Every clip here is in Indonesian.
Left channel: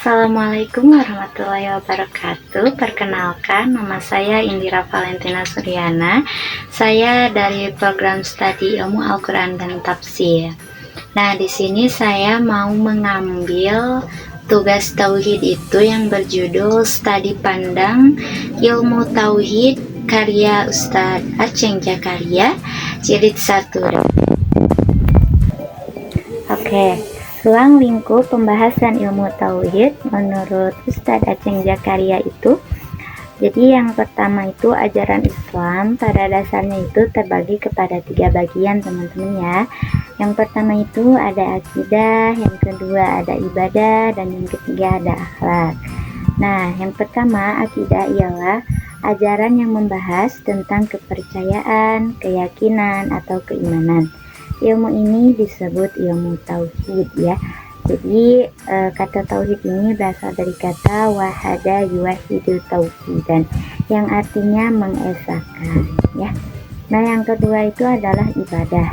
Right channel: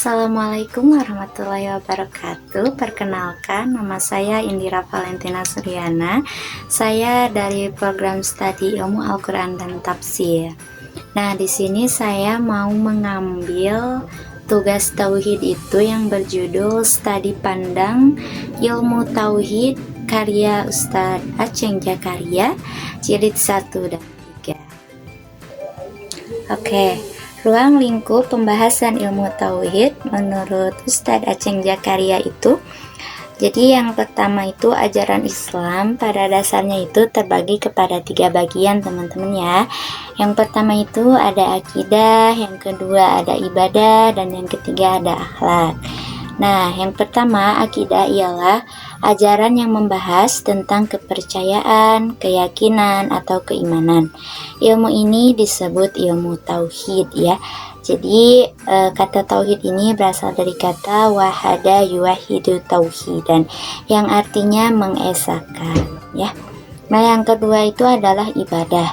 Assalamualaikum warahmatullahi wabarakatuh. Perkenalkan, nama saya Indira Valentina Suryana. Saya dari program studi Ilmu Al-Quran dan Tafsir. Nah, di sini saya mau mengambil tugas tauhid itu yang berjudul Studi Pandang Ilmu Tauhid karya Ustadz Aceng Jakaria, jilid 1 dan 3. Oke. Ruang lingkup pembahasan ilmu tauhid menurut Ustadz Aceng Jakaria itu, jadi yang pertama itu ajaran Islam pada dasarnya itu terbagi kepada 3 bagian teman-teman ya. Yang pertama itu ada akidah, yang kedua ada ibadah, dan yang ketiga ada akhlak. Nah, yang pertama akidah ialah ajaran yang membahas tentang kepercayaan, keyakinan, atau keimanan. Ilmu ini disebut ilmu tauhid ya. Jadi kata tauhid ini berasal dari kata wahada yuwahidu tauhidan, yang artinya mengesahkan ya. Nah, yang kedua itu adalah ibadah.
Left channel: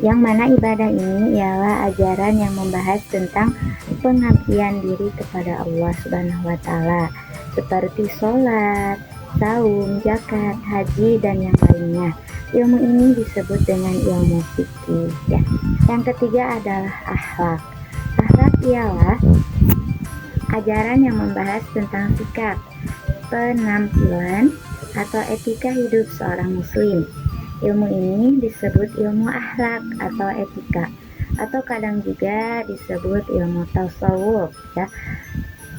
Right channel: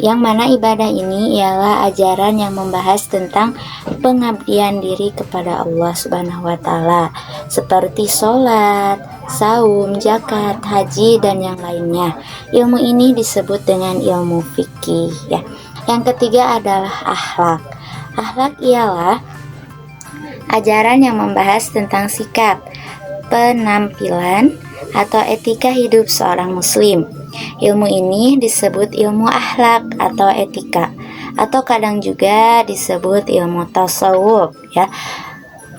Yang mana ibadah ini ialah ajaran yang membahas tentang pengabdian diri kepada Allah Subhanahu wa taala, seperti sholat, saum, zakat, haji, dan yang lainnya. Ilmu ini disebut dengan ilmu fikih ya. Yang ketiga adalah akhlak. Akhlak ialah ajaran yang membahas tentang sikap, penampilan, atau etika hidup seorang muslim. Ilmu ini disebut ilmu akhlak atau etika, atau kadang juga disebut ilmu tasawuf ya.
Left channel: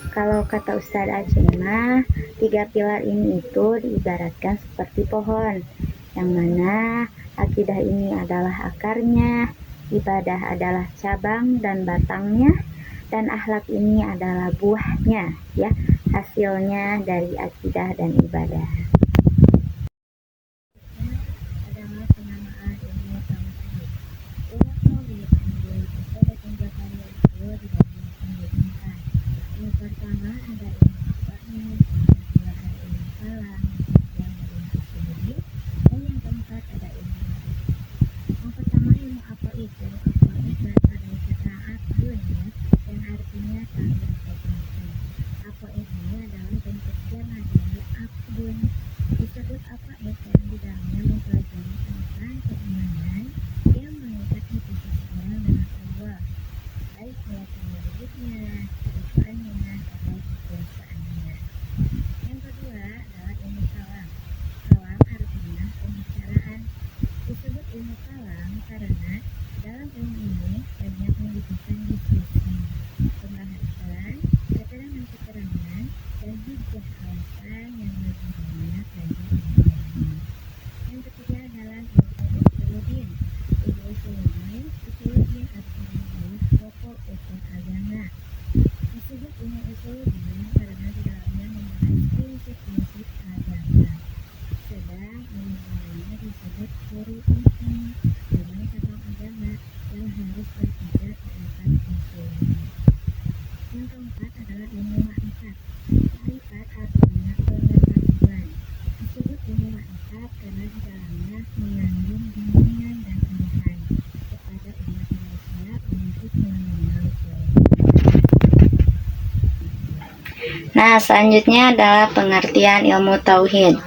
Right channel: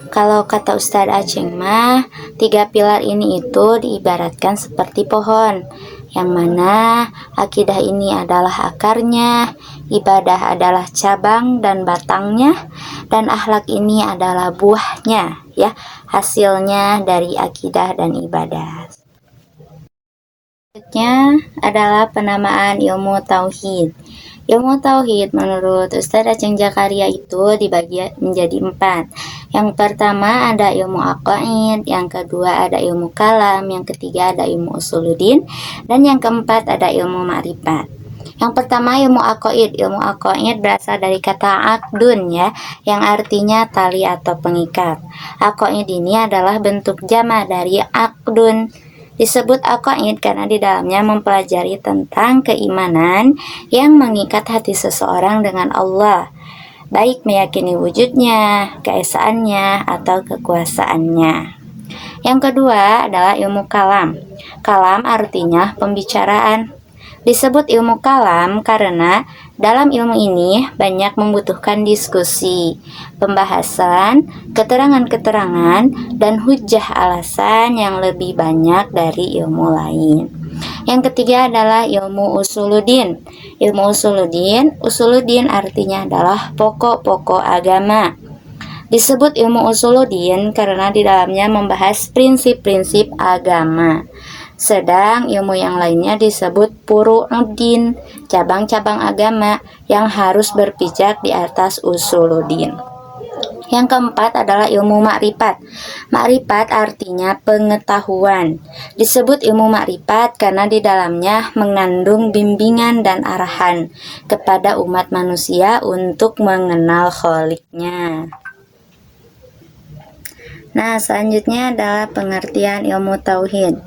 Kalau kata Ustadz Aceng mah, 3 pilar ini itu diibaratkan seperti pohon, yang mana akidah ini adalah akarnya, ibadah adalah cabang dan batangnya, dan akhlak ini adalah buahnya ya, hasilnya dari akidah dan ibadah. Selanjutnya adalah penamaan ilmu tauhid. Ilmu tauhid menurut Ustadz Aceng Jakaria itu dibagi menjadi 4. Yang pertama ada ilmu aqaid, yang kedua ada ilmu kalam, yang ketiga ada ilmu usuluddin, dan yang keempat ada ilmu ma'rifat. Yang pertama ilmu aqaid. Ilmu aqaid berasal dari kata aqdun ya, yang artinya tali atau pengikat. Aqaid ini adalah bentuk jama dari aqdun. Disebut aqaid karena di dalamnya mempelajari tentang keimanan yang mengikat hati seseorang dengan Allah, baik meyakini wujudnya, keesaannya, atau kekuasaannya. Yang kedua adalah ilmu kalam. Kalam artinya pembicaraan. Disebut ilmu kalam karena dalam ilmu ini banyak membutuhkan diskusi, pembahasan, keterangan-keterangan, dan hujjah alasan yang lebih banyak dari ilmu lain. Yang ketiga adalah ilmu usuluddin. Ilmu usuluddin artinya adalah pokok-pokok agama. Disebut ilmu usuluddin karena di dalamnya membahas prinsip-prinsip agama. Sedang ilmu yang lainnya disebut furu'uddin, cabang-cabang agama yang harus berpijak di atas usuluddin. Yang keempat adalah ilmu ma'rifat. Ma'rifat artinya pengetahuan. Disebut ilmu ma'rifat karena di dalamnya mengandung bimbingan dan arahan kepada umat manusia untuk mengenal Kholiknya. Nah, selanjutnya adalah pengertian ilmu tauhid.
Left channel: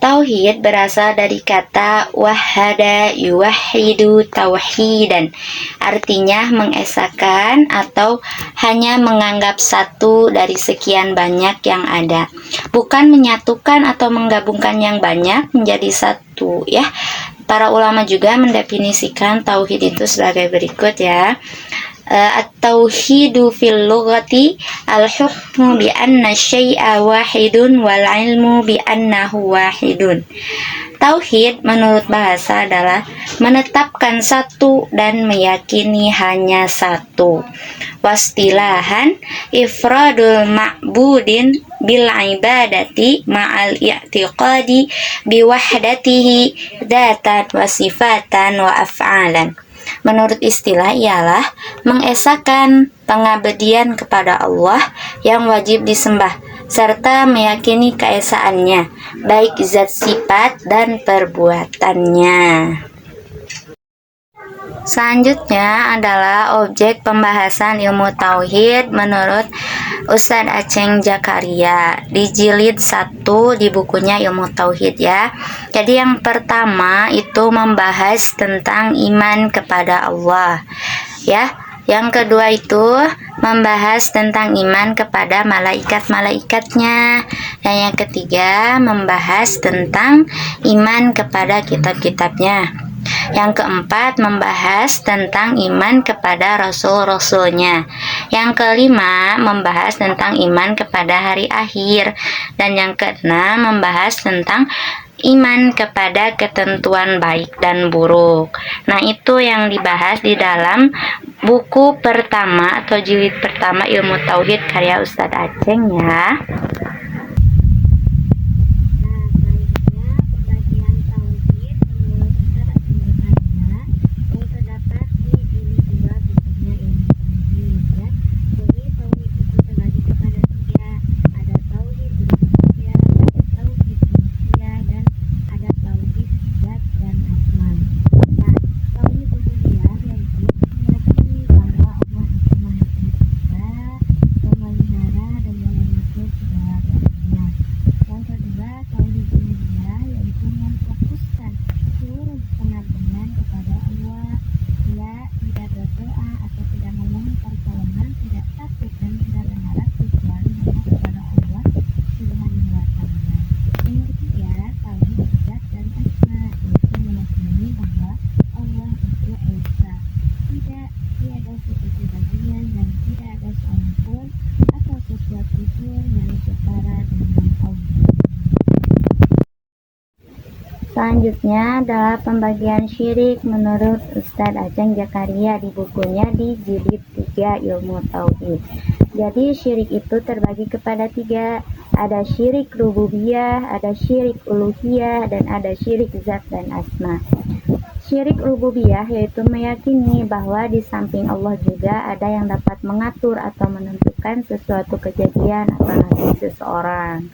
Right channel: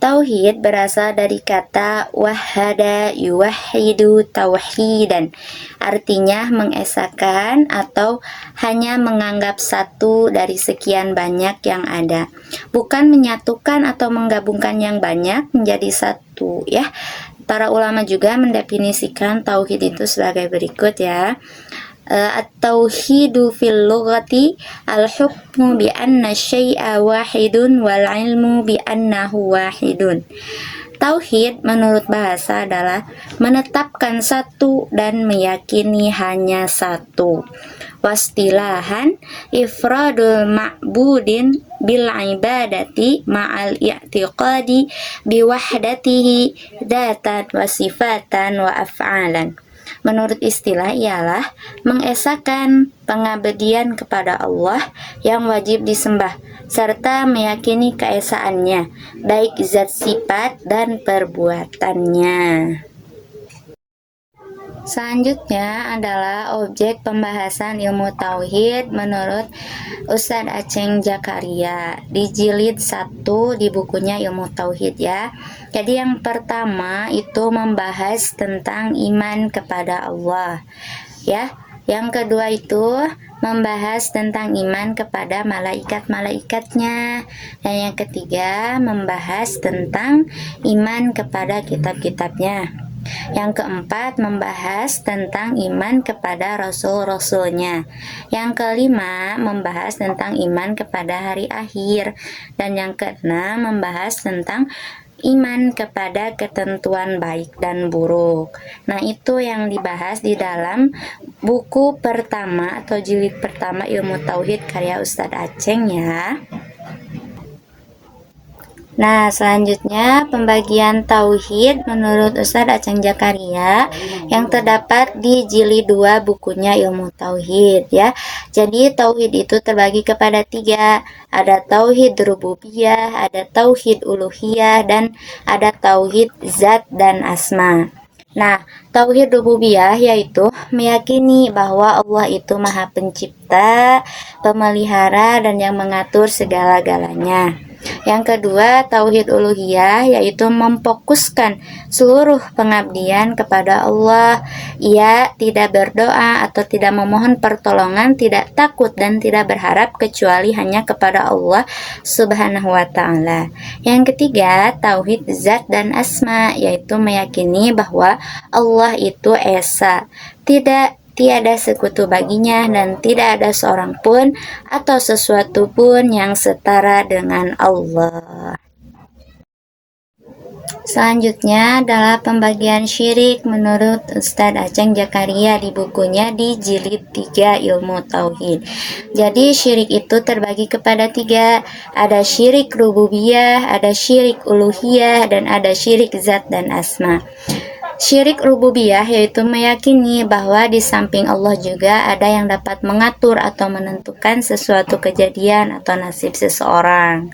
Tauhid berasal dari kata wahada yuwahidu tauhidan, artinya mengesahkan atau hanya menganggap satu dari sekian banyak yang ada, bukan menyatukan atau menggabungkan yang banyak menjadi satu ya. Para ulama juga mendefinisikan tauhid itu sebagai berikut ya. At-tauhidu fil lughati al-hukmu bi anna syai'a wahidun wal ilmu bi annahu wahidun. Tauhid menurut bahasa adalah menetapkan satu dan meyakini hanya satu. Wastilahan ifradul ma'budin bil ibadati ma'al i'tiqadi bi wahdatihi dzatan wa sifatan wa af'alan. Menurut istilah ialah mengesahkan pengabdian kepada Allah yang wajib disembah, serta meyakini keesaannya, baik zat sifat dan perbuatannya. Selanjutnya adalah objek pembahasan ilmu tauhid menurut Ustadz Aceng Jakaria di jilid 1 di bukunya Ilmu Tauhid ya. Jadi yang pertama itu membahas tentang iman kepada Allah ya. Yang kedua itu membahas tentang iman kepada malaikat-malaikatnya. Dan yang ketiga membahas tentang iman kepada kitab-kitabnya. Yang keempat membahas tentang iman kepada rasul-rasulnya. Yang kelima membahas tentang iman kepada hari akhir. Dan yang keenam membahas tentang iman kepada ketentuan baik dan buruk. Nah, itu yang dibahas di dalam buku pertama atau jilid pertama Ilmu Tauhid karya Ustadz Aceng ya. Nah, selanjutnya pembagian tauhid menurut Ustadz Aceng Jakaria yang terdapat di jilid 2 bukunya Ilmu Tauhid ya. Jadi tauhid itu terbagi kepada 3. Ada tauhid rububiyah, ada tauhid uluhiyah, dan ada tauhid zat dan asma. Nah, tauhid rububiyah yaitu meyakini bahwa Allah itu Maha Pencipta, pemelihara, dan yang mengatur segala-galanya. Yang kedua, tauhid uluhiyah yaitu memfokuskan seluruh pengabdian kepada Allah. Ia tidak berdoa atau tidak memohon pertolongan, tidak takut dan tidak berharap kecuali hanya kepada Allah Subhanahu wa ta'ala. Yang ketiga, tauhid zat dan asma yaitu meyakini bahwa Allah itu esa, tiada sekutu baginya dan tidak ada seorang pun atau sesuatu pun yang setara dengan Allah. Selanjutnya adalah pembagian syirik menurut Ustadz Aceng Jakaria di bukunya di jilid 3 Ilmu Tauhid. Jadi syirik itu terbagi kepada 3. Ada syirik rububiyah, ada syirik uluhiyah, dan ada syirik zat dan asma. Syirik rububiyah yaitu meyakini bahwa di samping Allah juga ada yang dapat mengatur atau menentukan sesuatu kejadian atau nasib seseorang.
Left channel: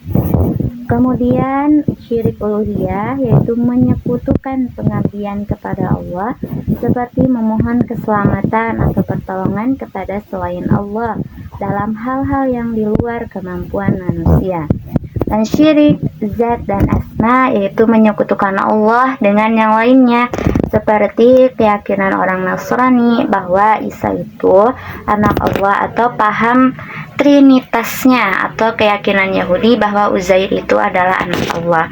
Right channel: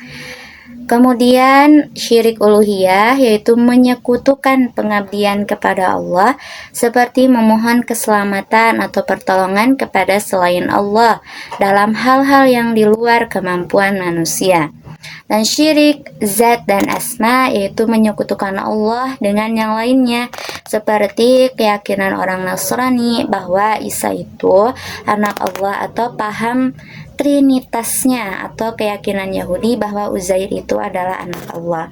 Kemudian syirik uluhiyah yaitu menyekutukan pengabdian kepada Allah seperti memohon keselamatan atau pertolongan kepada selain Allah dalam hal-hal yang di luar kemampuan manusia. Dan syirik zat dan asma yaitu menyekutukan Allah dengan yang lainnya, seperti keyakinan orang Nasrani bahwa Isa itu anak Allah, atau paham trinitasnya, atau keyakinan Yahudi bahwa Uzair itu adalah anak Allah.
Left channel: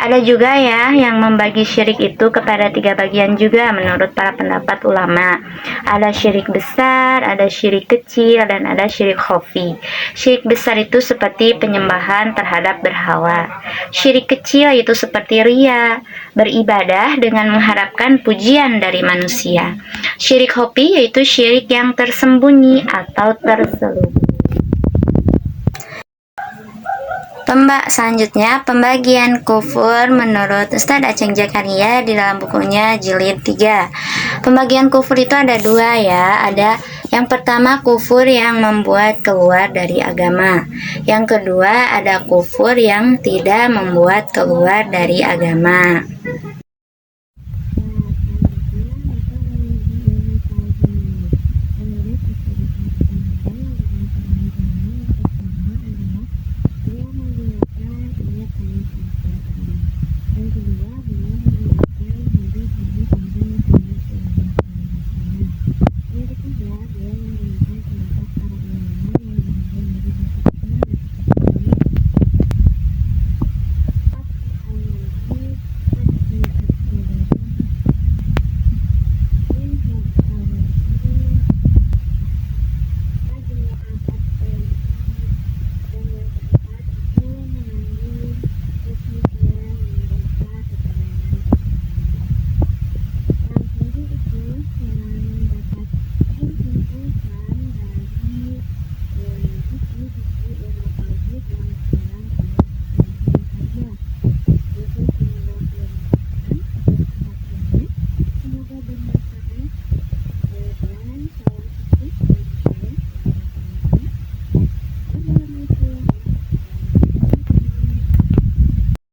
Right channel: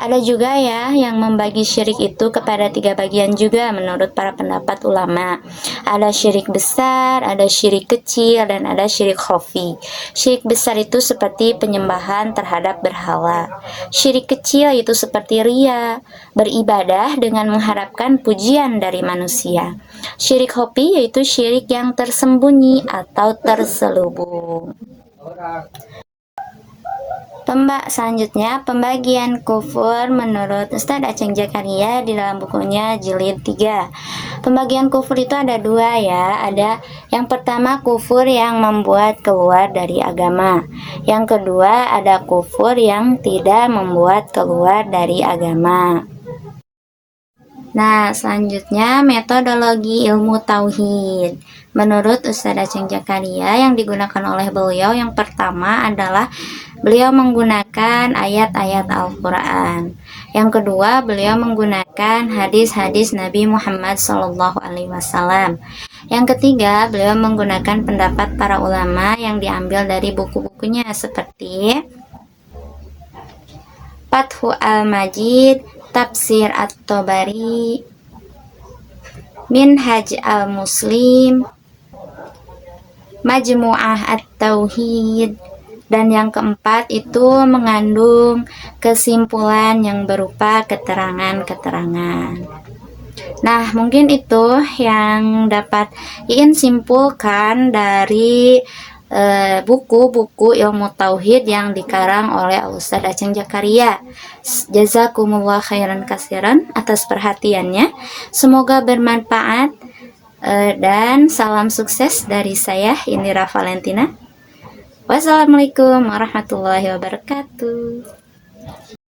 Ada juga ya yang membagi syirik itu kepada 3 bagian juga menurut para pendapat ulama. Ada syirik besar, ada syirik kecil, dan ada syirik khafi. Syirik besar itu seperti penyembahan terhadap berhala. Syirik kecil itu seperti riya, beribadah dengan mengharapkan pujian dari manusia. Syirik khafi yaitu syirik yang tersembunyi atau terselubung. Selanjutnya pembagian kufur menurut Ustadz Aceng Jakaria di dalam bukunya jilid 3. Pembagian kufur itu ada 2 ya. Ada yang pertama kufur yang membuat keluar dari agama. Yang kedua ada kufur yang tidak membuat keluar dari agama. Nah, selanjutnya metodologi ilmu tauhid. Menurut Ustadz Aceng Jakaria yang digunakan oleh beliau yang pertama adalah beliau menggunakan ayat-ayat Al-Quran. Yang kedua, beliau menggunakan hadis-hadis Nabi Muhammad SAW. Yang ketiga, beliau menggunakan pendapat para ulama yang diambil dari buku-bukunya seperti Fathu Al-Majid, Tafsir At-Tabari, Minhaj Al-Muslim, Majmu'ah At-Tauhid, dan yang keempat itu mengandung kesimpulan yang berupa keterangan-keterangan. Nah, mungkin itu yang dapat Iin simpulkan dari buku-buku ilmu tauhid yang dikarang oleh Ustadz Aceng Jakaria. Jazakumullah khairan kasiran atas perhatiannya. Semoga bermanfaat dan salam sukses dari saya Indira Valentina. Wassalamualaikum warahmatullahi wabarakatuh.